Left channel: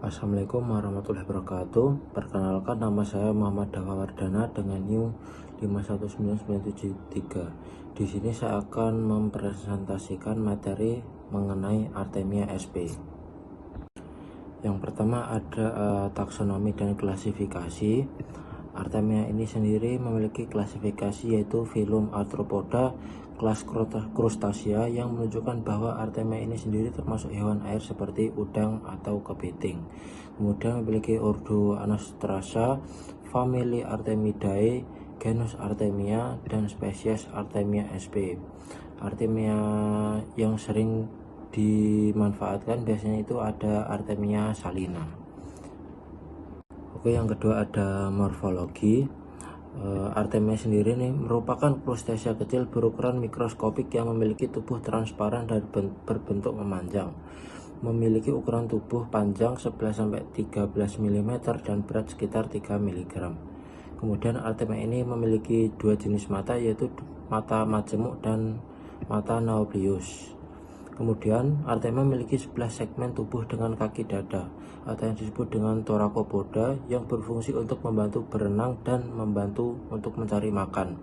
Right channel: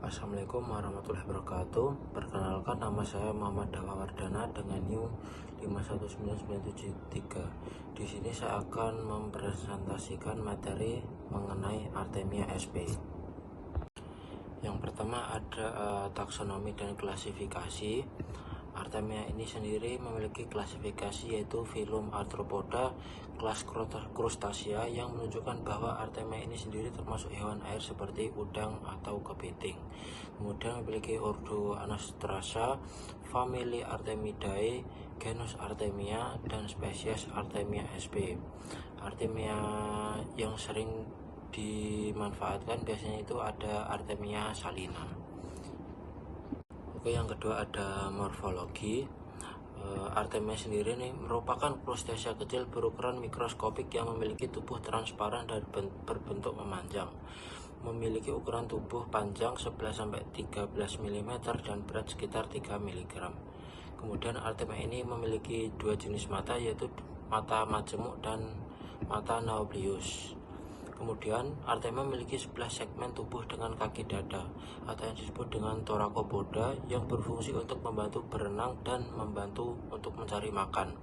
Assalamualaikum warahmatullahi wabarakatuh. Perkenalkan, nama saya Muhammad Dawa Wardana dengan NIM 519973. Di sini saya akan mempresentasikan materi mengenai Artemia sp. Yang pertama ada taksonomi dan klasifikasi. Artemia ini sendiri memiliki klasifikasi yaitu filum Arthropoda kelas krustasea, yang menunjukkan bahwa Artemia ini sendiri termasuk hewan air seperti udang atau kepiting. Kemudian memiliki ordo Anastrasa, famili Artemidae, genus Artemia, dan spesies Artemia sp. Artemia yang sering dimanfaatkan biasanya itu ada Artemia salina. Oke, yang kedua ada morfologi. Artemia sendiri ini merupakan krustasea kecil berukuran mikroskopik yang memiliki tubuh transparan dan berbentuk memanjang. Memiliki ukuran tubuh panjang 11-13 mm dan berat sekitar 3 mg. Kemudian Artemia ini memiliki dua jenis mata, yaitu mata majemuk dan mata nauplius. Kemudian Artemia memiliki 11 segmen tubuh dengan kaki dada atau yang disebut dengan thoracopoda, yang berfungsi untuk membantu berenang dan membantu untuk mencari makan.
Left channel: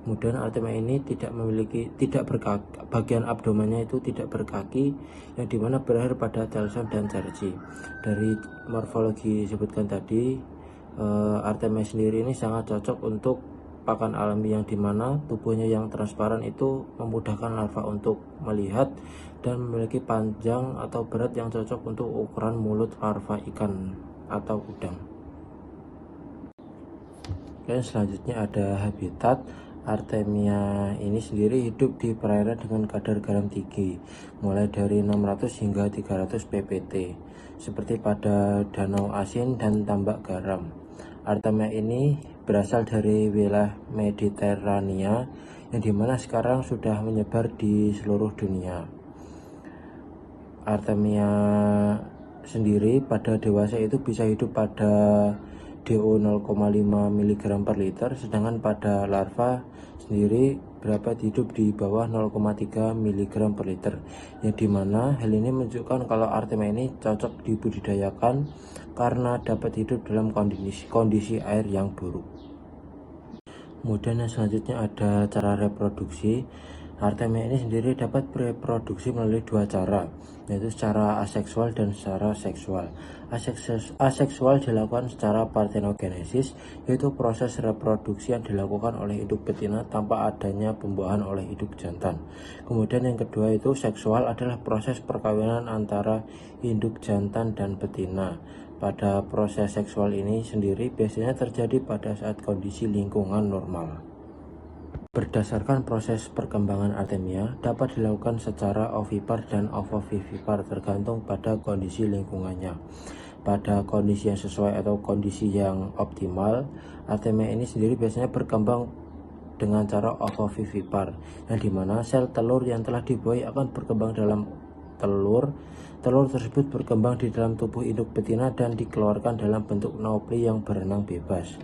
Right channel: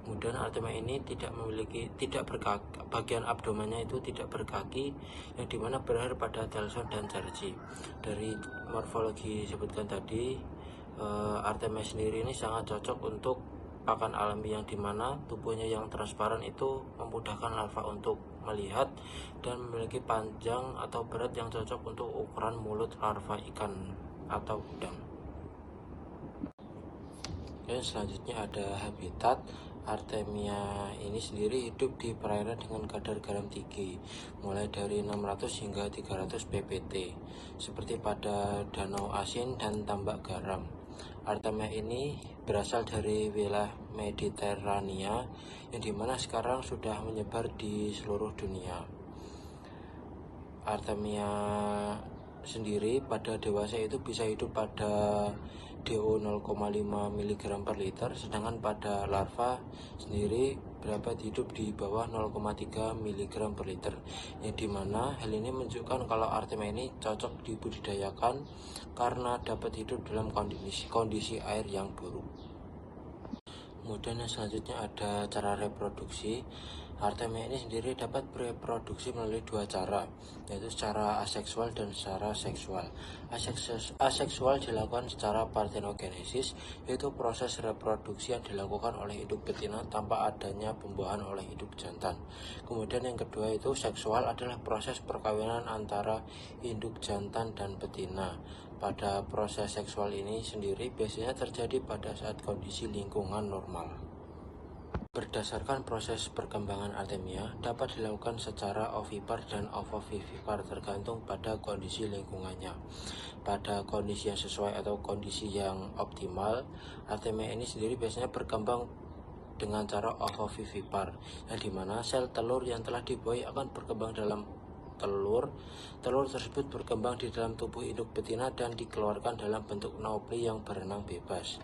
Kemudian Artemia ini tidak berkaki, bagian abdomennya itu tidak berkaki, yang dimana berakhir pada telson dan cerci. Dari morfologi disebutkan tadi, Artemia sendiri ini sangat cocok untuk pakan alami, yang dimana tubuhnya yang transparan itu memudahkan larva untuk melihat dan memiliki panjang atau berat yang cocok untuk ukuran mulut larva ikan atau udang. Oke, selanjutnya ada habitat. Artemia ini sendiri hidup di perairan dengan kadar garam tinggi, mulai dari 600 hingga 300 ppt, seperti pada danau asin dan tambak garam. Artemia ini berasal dari wilayah Mediterania, yang dimana sekarang sudah menyebar di seluruh dunia. Artemia sendiri pada dewasa itu bisa hidup pada DO 0,5 mg per liter, sedangkan pada larva sendiri dapat hidup di bawah 0,3 mg per liter, yang dimana hal ini menunjukkan kalau Artemia ini cocok dibudidayakan karena dapat hidup dalam kondisi air yang buruk. Kemudian yang selanjutnya ada cara reproduksi. Artemia ini sendiri dapat bereproduksi melalui dua cara, yaitu secara aseksual dan secara seksual. Aseksual dilakukan secara parthenogenesis, yaitu proses reproduksi yang dilakukan oleh induk betina tanpa adanya pembuahan oleh induk jantan. Kemudian yang kedua itu seksual, adalah proses perkawinan antara induk jantan dan betina. Pada proses seksual ini sendiri biasanya terjadi pada saat kondisi lingkungan normal. Berdasarkan proses perkembangan Artemia dapat dilakukan secara ovipar dan ovovivipar, tergantung pada kondisi lingkungannya. Pada kondisi yang sesuai atau kondisi yang optimal, Artemia ini sendiri biasanya berkembang dengan cara ovovivipar, yang dimana sel telur yang telah dibuai akan berkembang dalam telur tersebut berkembang di dalam tubuh induk betina dan dikeluarkan dalam bentuk naupli yang berenang bebas.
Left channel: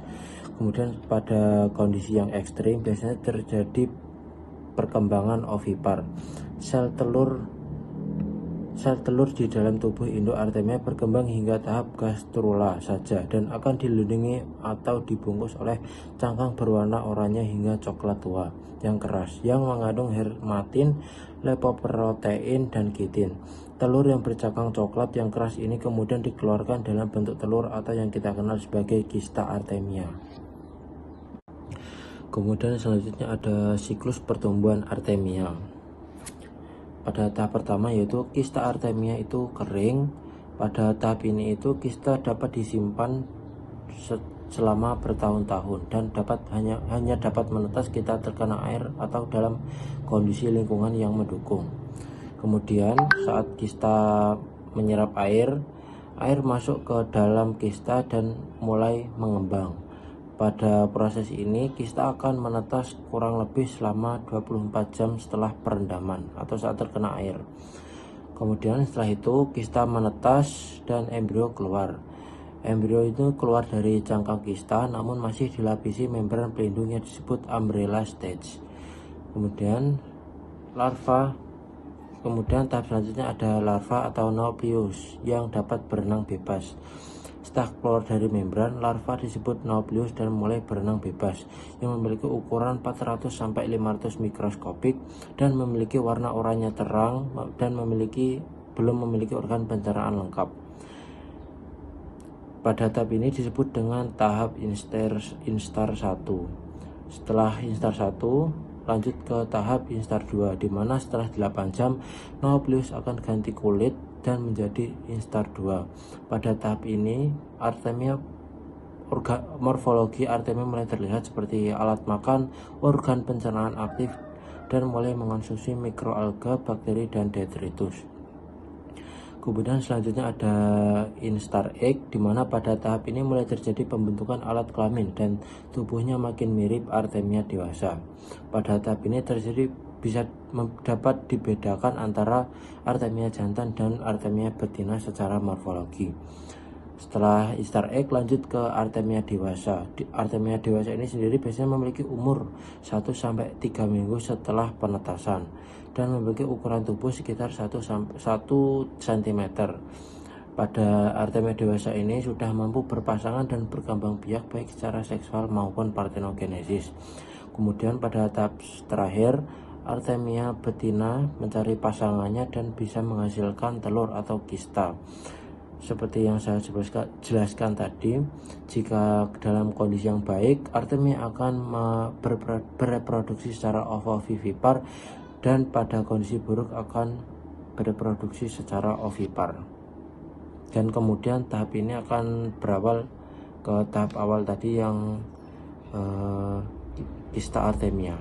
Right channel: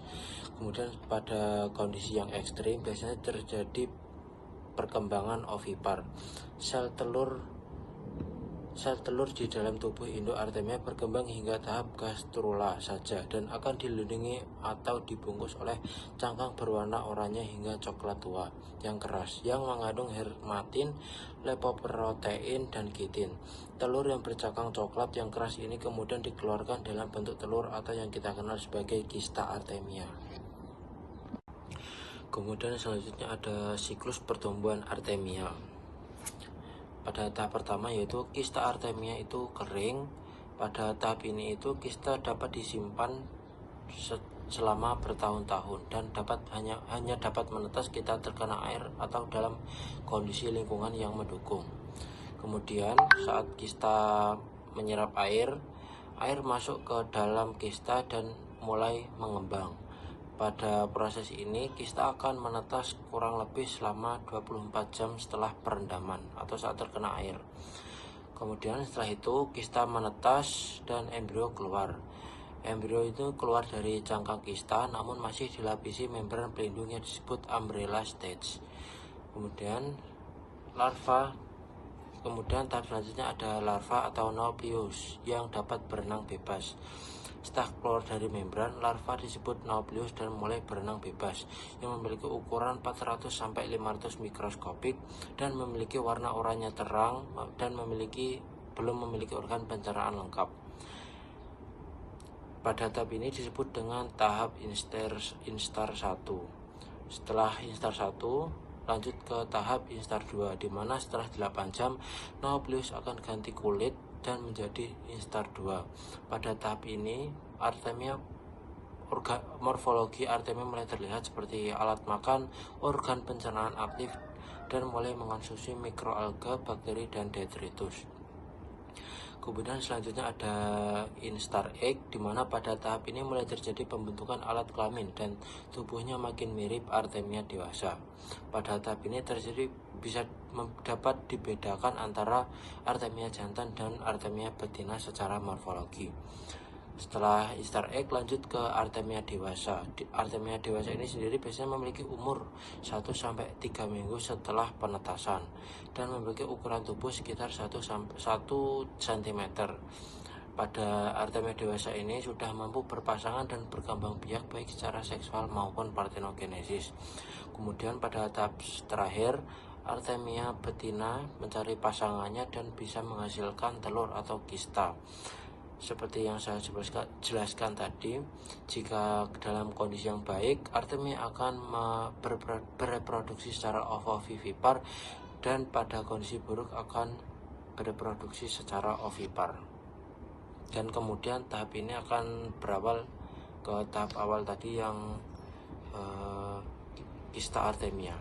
Kemudian pada kondisi yang ekstrim biasanya terjadi perkembangan ovipar. Sel telur di dalam tubuh induk Artemia berkembang hingga tahap gastrula saja dan akan dilindungi atau dibungkus oleh cangkang berwarna oranye hingga coklat tua yang keras, yang mengandung hermatin, lipoprotein, dan kitin. Telur yang bercangkang coklat yang keras ini kemudian dikeluarkan dalam bentuk telur atau yang kita kenal sebagai kista Artemia. Kemudian selanjutnya ada siklus pertumbuhan Artemia. Pada tahap pertama yaitu kista Artemia itu kering. Pada tahap ini itu kista dapat disimpan selama bertahun-tahun dan hanya dapat menetas kita terkena air atau dalam kondisi lingkungan yang mendukung. Kemudian saat kista menyerap air masuk ke dalam kista dan mulai mengembang. Pada proses ini kista akan menetas kurang lebih selama 24 jam setelah perendaman atau saat terkena air. Kemudian setelah itu kista menetas dan embrio keluar. Embrio itu keluar dari cangkang kista namun masih dilapisi membran pelindung yang disebut umbrella stage. Kemudian larva Kemudian tahap selanjutnya ada larva atau Nauplius yang dapat berenang bebas. Setelah keluar dari membran, larva disebut Nauplius dan mulai berenang bebas, yang memiliki ukuran 400-500 mikroskopik dan memiliki warna oranye terang dan belum memiliki organ pencernaan lengkap. Pada tahap ini disebut dengan tahap instar 1. Setelah instar 1 lanjut ke tahap instar 2, di mana setelah 8 jam Nauplius akan ganti kulit dan menjadi instar 2. Pada tahap ini Artemia morfologi Artemia mulai terlihat seperti alat makan, organ pencernaan aktif, dan mulai mengonsumsi mikroalga, bakteri, dan detritus. Kemudian selanjutnya ada instar egg, di mana pada tahap ini mulai terjadi pembentukan alat kelamin dan tubuhnya makin mirip Artemia dewasa. Pada tahap ini dapat dibedakan antara Artemia jantan dan Artemia betina secara morfologi. Setelah instar egg lanjut ke Artemia dewasa. Artemia dewasa ini sendiri biasanya memiliki umur 1-3 minggu setelah penetasan dan memiliki ukuran tubuh sekitar 1 cm. Pada Artemia dewasa ini sudah mampu berpasangan dan berkembang biak baik secara seksual maupun partenogenesis. Kemudian pada tahap terakhir Artemia betina mencari pasangannya dan bisa menghasilkan telur atau kista. Seperti yang saya jelaskan tadi, jika dalam kondisi yang baik, Artemia akan bereproduksi secara ovovivipar dan pada kondisi buruk akan bereproduksi secara ovipar. Dan kemudian tahap ini akan berawal ke tahap awal tadi yang kista Artemia.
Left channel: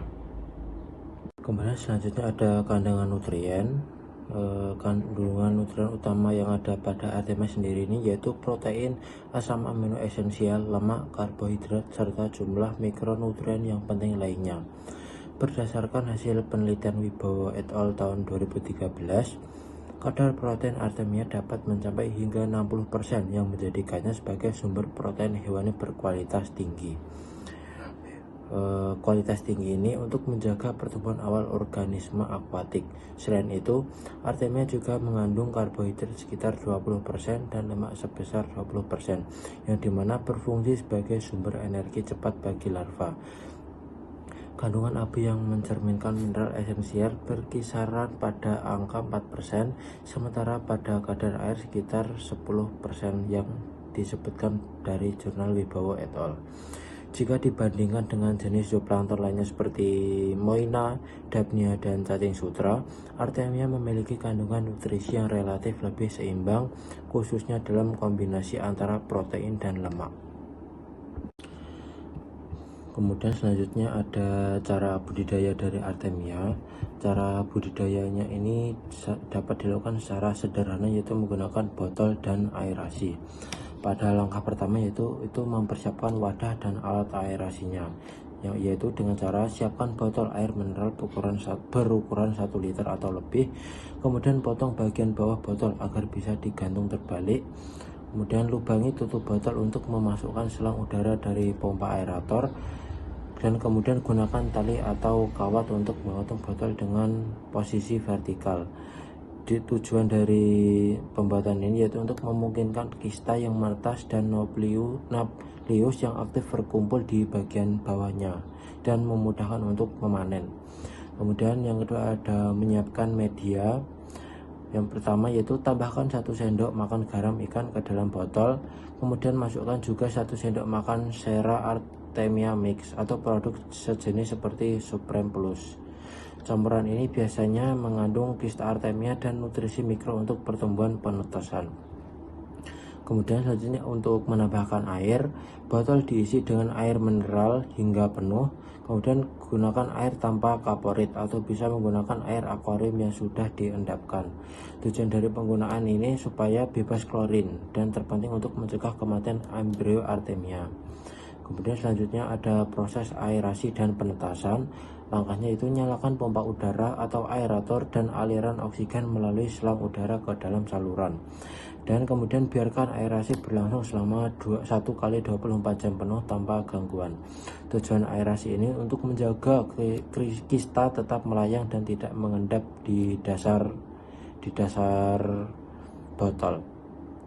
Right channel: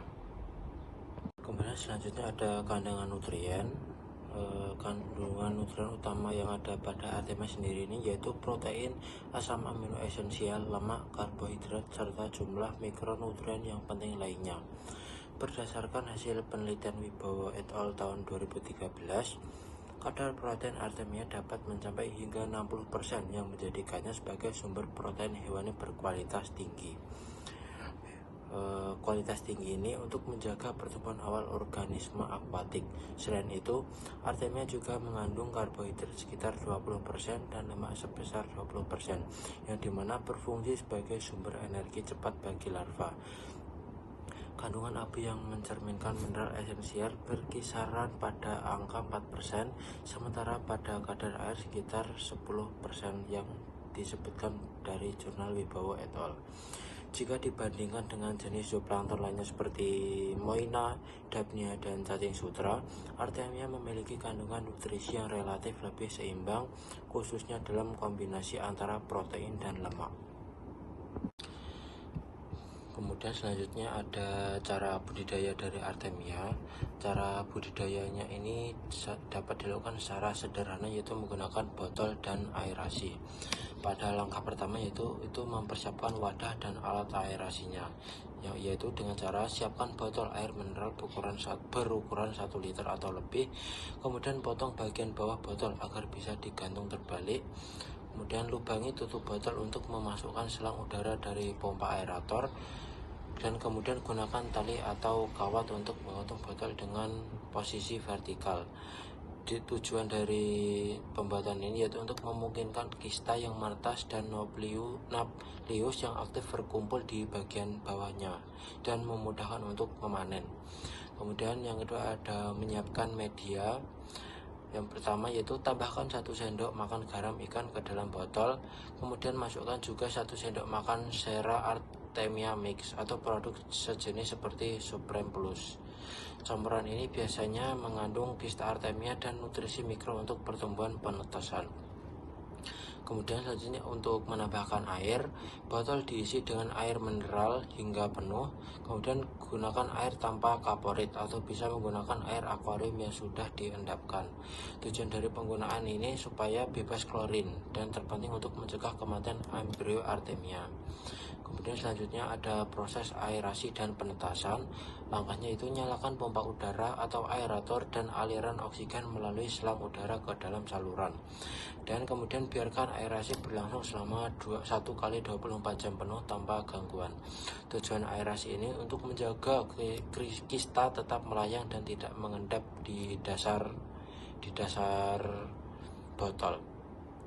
Kemudian selanjutnya ada kandungan nutrien. Kandungan nutrien utama yang ada pada Artemia sendiri ini yaitu protein, asam amino esensial, lemak, karbohidrat, serta jumlah mikronutrien yang penting lainnya. Berdasarkan hasil penelitian Wibowo et al. Tahun 2013, kadar protein Artemia dapat mencapai hingga 60% yang menjadikannya sebagai sumber protein hewani berkualitas tinggi. Kualitas tinggi ini untuk menjaga pertumbuhan awal organisme akuatik. Selain itu, Artemia juga mengandung karbohidrat sekitar 20% dan lemak sebesar 20%, yang dimana berfungsi sebagai sumber energi cepat bagi larva. Kandungan abu yang mencerminkan mineral esensial berkisaran pada angka 4%, sementara pada kadar air sekitar 10% yang disebutkan dari jurnal Wibowo et al. Jika dibandingkan dengan jenis zooplankton lainnya seperti Moina, Dapnia, dan cacing sutra, Artemia memiliki kandungan nutrisi yang relatif lebih seimbang, khususnya dalam kombinasi antara protein dan lemak. Kemudian selanjutnya ada cara budidaya dari Artemia. Cara budidayanya ini dapat dilakukan secara sederhana, yaitu menggunakan botol dan aerasi. Pada langkah pertama yaitu mempersiapkan wadah dan alat aerasinya, yaitu dengan cara siapkan botol air mineral berukuran 1 liter atau lebih, kemudian potong bagian bawah botol agar bisa digantung terbalik, kemudian lubangi tutup botol untuk memasukkan selang udara dari pompa aerator, dan kemudian gunakan tali atau kawat untuk mengatur botol dengan posisi vertikal. Tujuan dari pembuatan ini yaitu untuk memungkinkan kista yang menetas dan Nauplius yang aktif berkumpul di bagian bawahnya dan memudahkan untuk memanen. Kemudian yang kedua ada menyiapkan media. Yang pertama yaitu tambahkan 1 sendok makan garam ikan ke dalam botol, kemudian masukkan juga 1 sendok makan sera Artemia mix atau produk sejenis seperti Supreme Plus. Campuran ini biasanya mengandung kista Artemia dan nutrisi mikro untuk pertumbuhan penetasan. Kemudian selanjutnya untuk menambahkan air, botol diisi dengan air mineral hingga penuh, kemudian gunakan air tanpa kaporit atau bisa menggunakan air akuarium yang sudah diendapkan. Tujuan dari penggunaan ini supaya bebas klorin dan terpenting untuk mencegah kematian embrio Artemia. Kemudian selanjutnya ada proses aerasi dan penetasan. Langkahnya itu nyalakan pompa udara atau aerator dan aliran oksigen melalui selang udara ke dalam saluran. Dan kemudian biarkan aerasi berlangsung selama 1 kali 24 jam penuh tanpa gangguan. Tujuan aerasi ini untuk menjaga kista tetap melayang dan tidak mengendap di dasar di dasar botol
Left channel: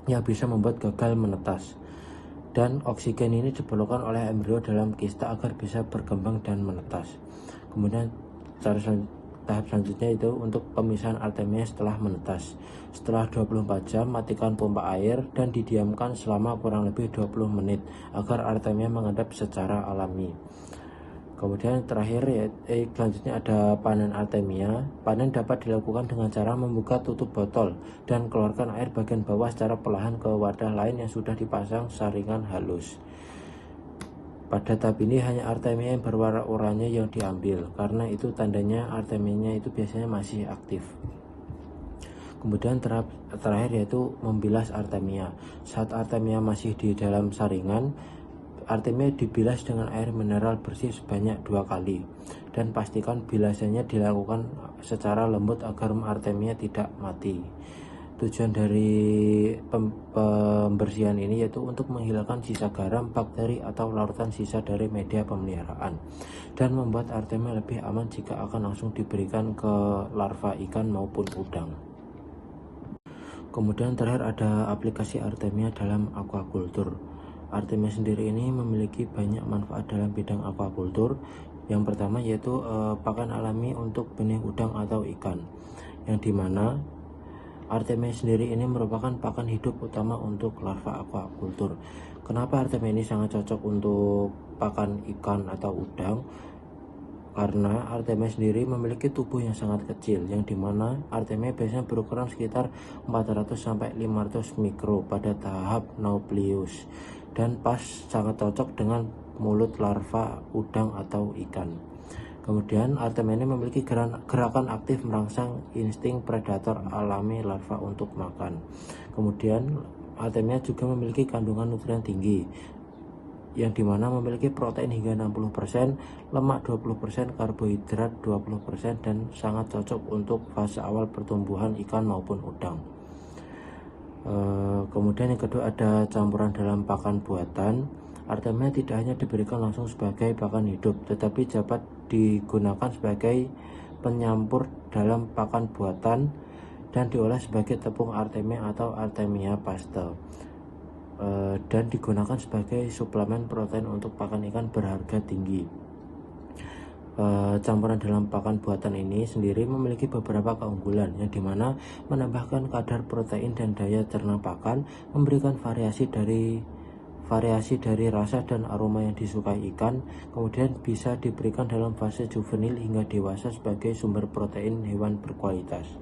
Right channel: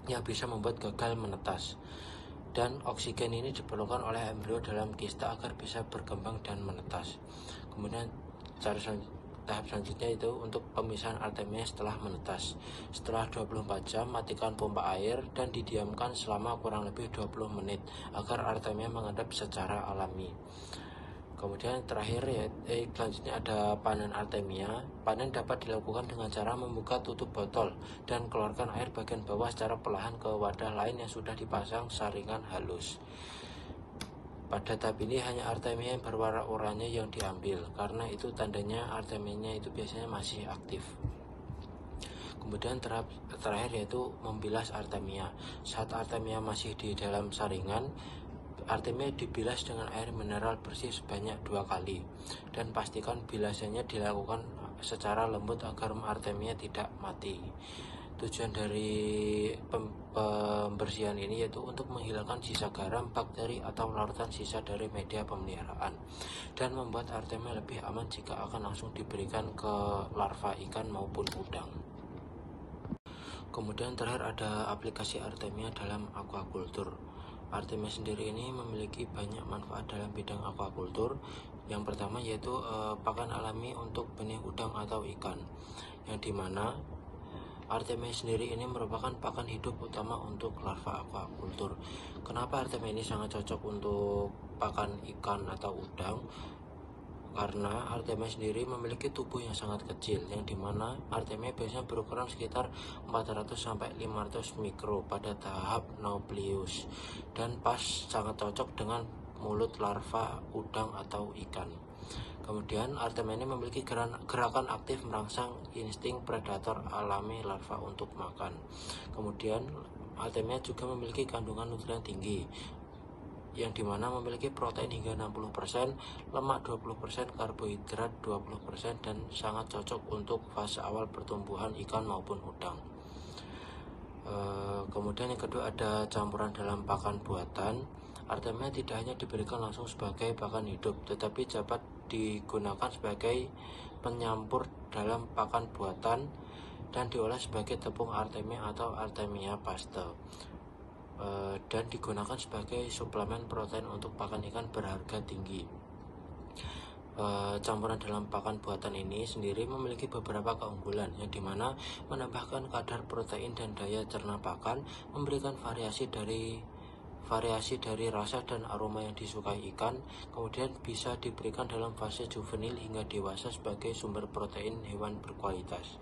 yang bisa membuat gagal menetas. Dan oksigen ini diperlukan oleh embrio dalam kista agar bisa berkembang dan menetas. Kemudian tahap selanjutnya itu untuk pemisahan artemia setelah menetas. Setelah 24 jam matikan pompa air dan didiamkan selama kurang lebih 20 menit agar artemia mengendap secara alami. Kemudian terakhir selanjutnya ada panen artemia. Panen dapat dilakukan dengan cara membuka tutup botol dan keluarkan air bagian bawah secara perlahan ke wadah lain yang sudah dipasang saringan halus. Pada tahap ini hanya artemia yang berwarna oranye yang diambil, karena itu tandanya artemianya itu biasanya masih aktif. Kemudian terakhir yaitu membilas artemia. Saat artemia masih di dalam saringan, artemia dibilas dengan air mineral bersih sebanyak 2 kali, dan pastikan bilasannya dilakukan secara lembut agar artemia tidak mati. Tujuan dari pembersihan ini yaitu untuk menghilangkan sisa garam, bakteri, atau larutan sisa dari media pemeliharaan, dan membuat artemia lebih aman jika akan langsung diberikan ke larva ikan maupun udang. Kemudian terakhir ada aplikasi artemia dalam aquaculture. Artemia sendiri ini memiliki banyak manfaat dalam bidang aquaculture. Yang pertama yaitu pakan alami untuk benih udang atau ikan, yang dimana artemia sendiri ini merupakan pakan hidup utama untuk larva aquaculture. Kenapa artemia ini sangat cocok untuk pakan ikan atau udang? Karena artemia sendiri memiliki tubuh yang sangat kecil, yang dimana artemia biasanya berukuran sekitar 400-500 mikro pada tahap Nauplius, dan pas sangat cocok dengan mulut larva udang atau ikan. Kemudian artemia ini memiliki gerakan aktif merangsang insting predator alami larva untuk makan. Kemudian artemia juga memiliki kandungan nutrien tinggi, yang dimana memiliki protein hingga 60%, lemak 20%, karbohidrat 20%, dan sangat cocok untuk fase awal pertumbuhan ikan maupun udang. Kemudian yang kedua ada campuran dalam pakan buatan. Artemia tidak hanya diberikan langsung sebagai pakan hidup, tetapi dapat digunakan sebagai penyampur dalam pakan buatan dan diolah sebagai tepung artemia atau artemia paste, dan digunakan sebagai suplemen protein untuk pakan ikan berharga tinggi. Campuran dalam pakan buatan ini sendiri memiliki beberapa keunggulan, yang dimana menambahkan kadar protein dan daya cerna pakan, memberikan variasi dari rasa dan aroma yang disukai ikan, kemudian bisa diberikan dalam fase juvenil hingga dewasa sebagai sumber protein hewan berkualitas,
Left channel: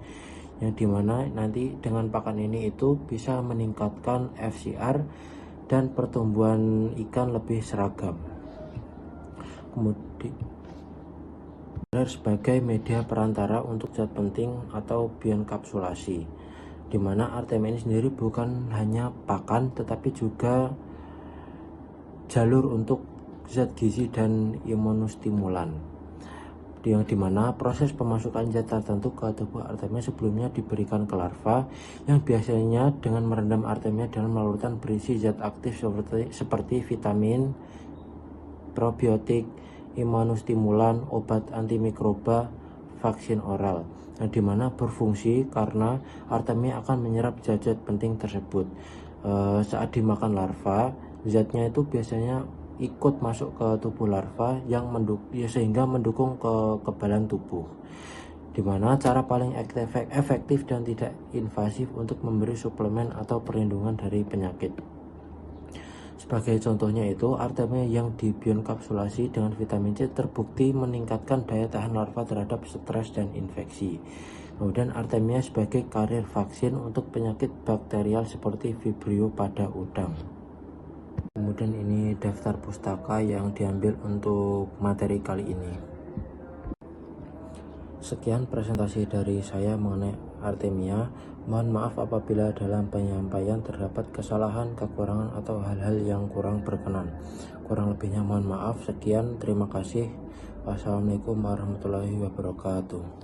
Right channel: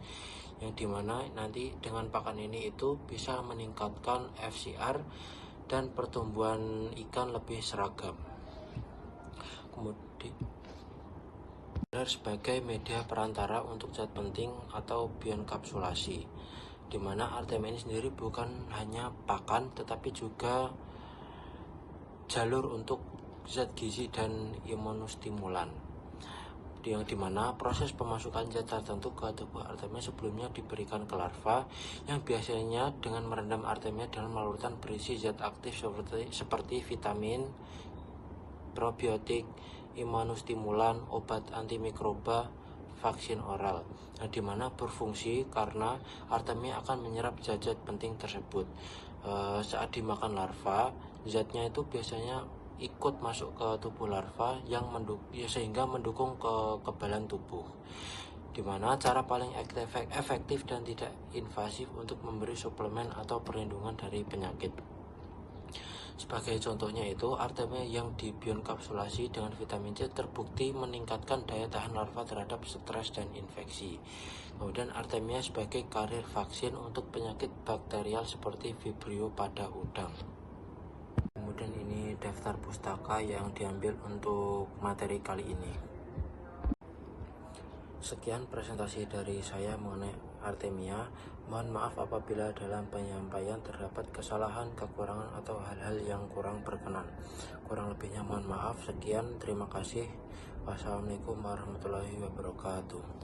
yang dimana nanti dengan pakan ini itu bisa meningkatkan FCR dan pertumbuhan ikan lebih seragam. Kemudian sebagai media perantara untuk zat penting atau bioenkapsulasi, dimana artemia ini sendiri bukan hanya pakan tetapi juga jalur untuk zat gizi dan imunostimulan, yang dimana proses pemasukan zat tertentu ke tubuh artemia sebelumnya diberikan ke larva, yang biasanya dengan merendam artemia dalam larutan berisi zat aktif seperti vitamin, probiotik, imunostimulan, obat antimikroba, vaksin oral, yang dimana berfungsi karena artemia akan menyerap zat-zat penting tersebut. Saat dimakan larva, zatnya itu biasanya ikut masuk ke tubuh larva yang sehingga mendukung kekebalan tubuh, dimana cara paling efektif dan tidak invasif untuk memberi suplemen atau perlindungan dari penyakit. Sebagai contohnya itu, artemia yang dibioenkapsulasi dengan vitamin C terbukti meningkatkan daya tahan larva terhadap stres dan infeksi. Kemudian artemia sebagai karier vaksin untuk penyakit bakterial seperti Vibrio pada udang. Kemudian ini daftar pustaka yang diambil untuk materi kali ini. Sekian presentasi dari saya mengenai artemia. Mohon maaf apabila dalam penyampaian terdapat kesalahan, kekurangan, atau hal-hal yang kurang berkenan. Kurang lebihnya mohon maaf. Sekian, terima kasih. Wassalamualaikum warahmatullahi wabarakatuh.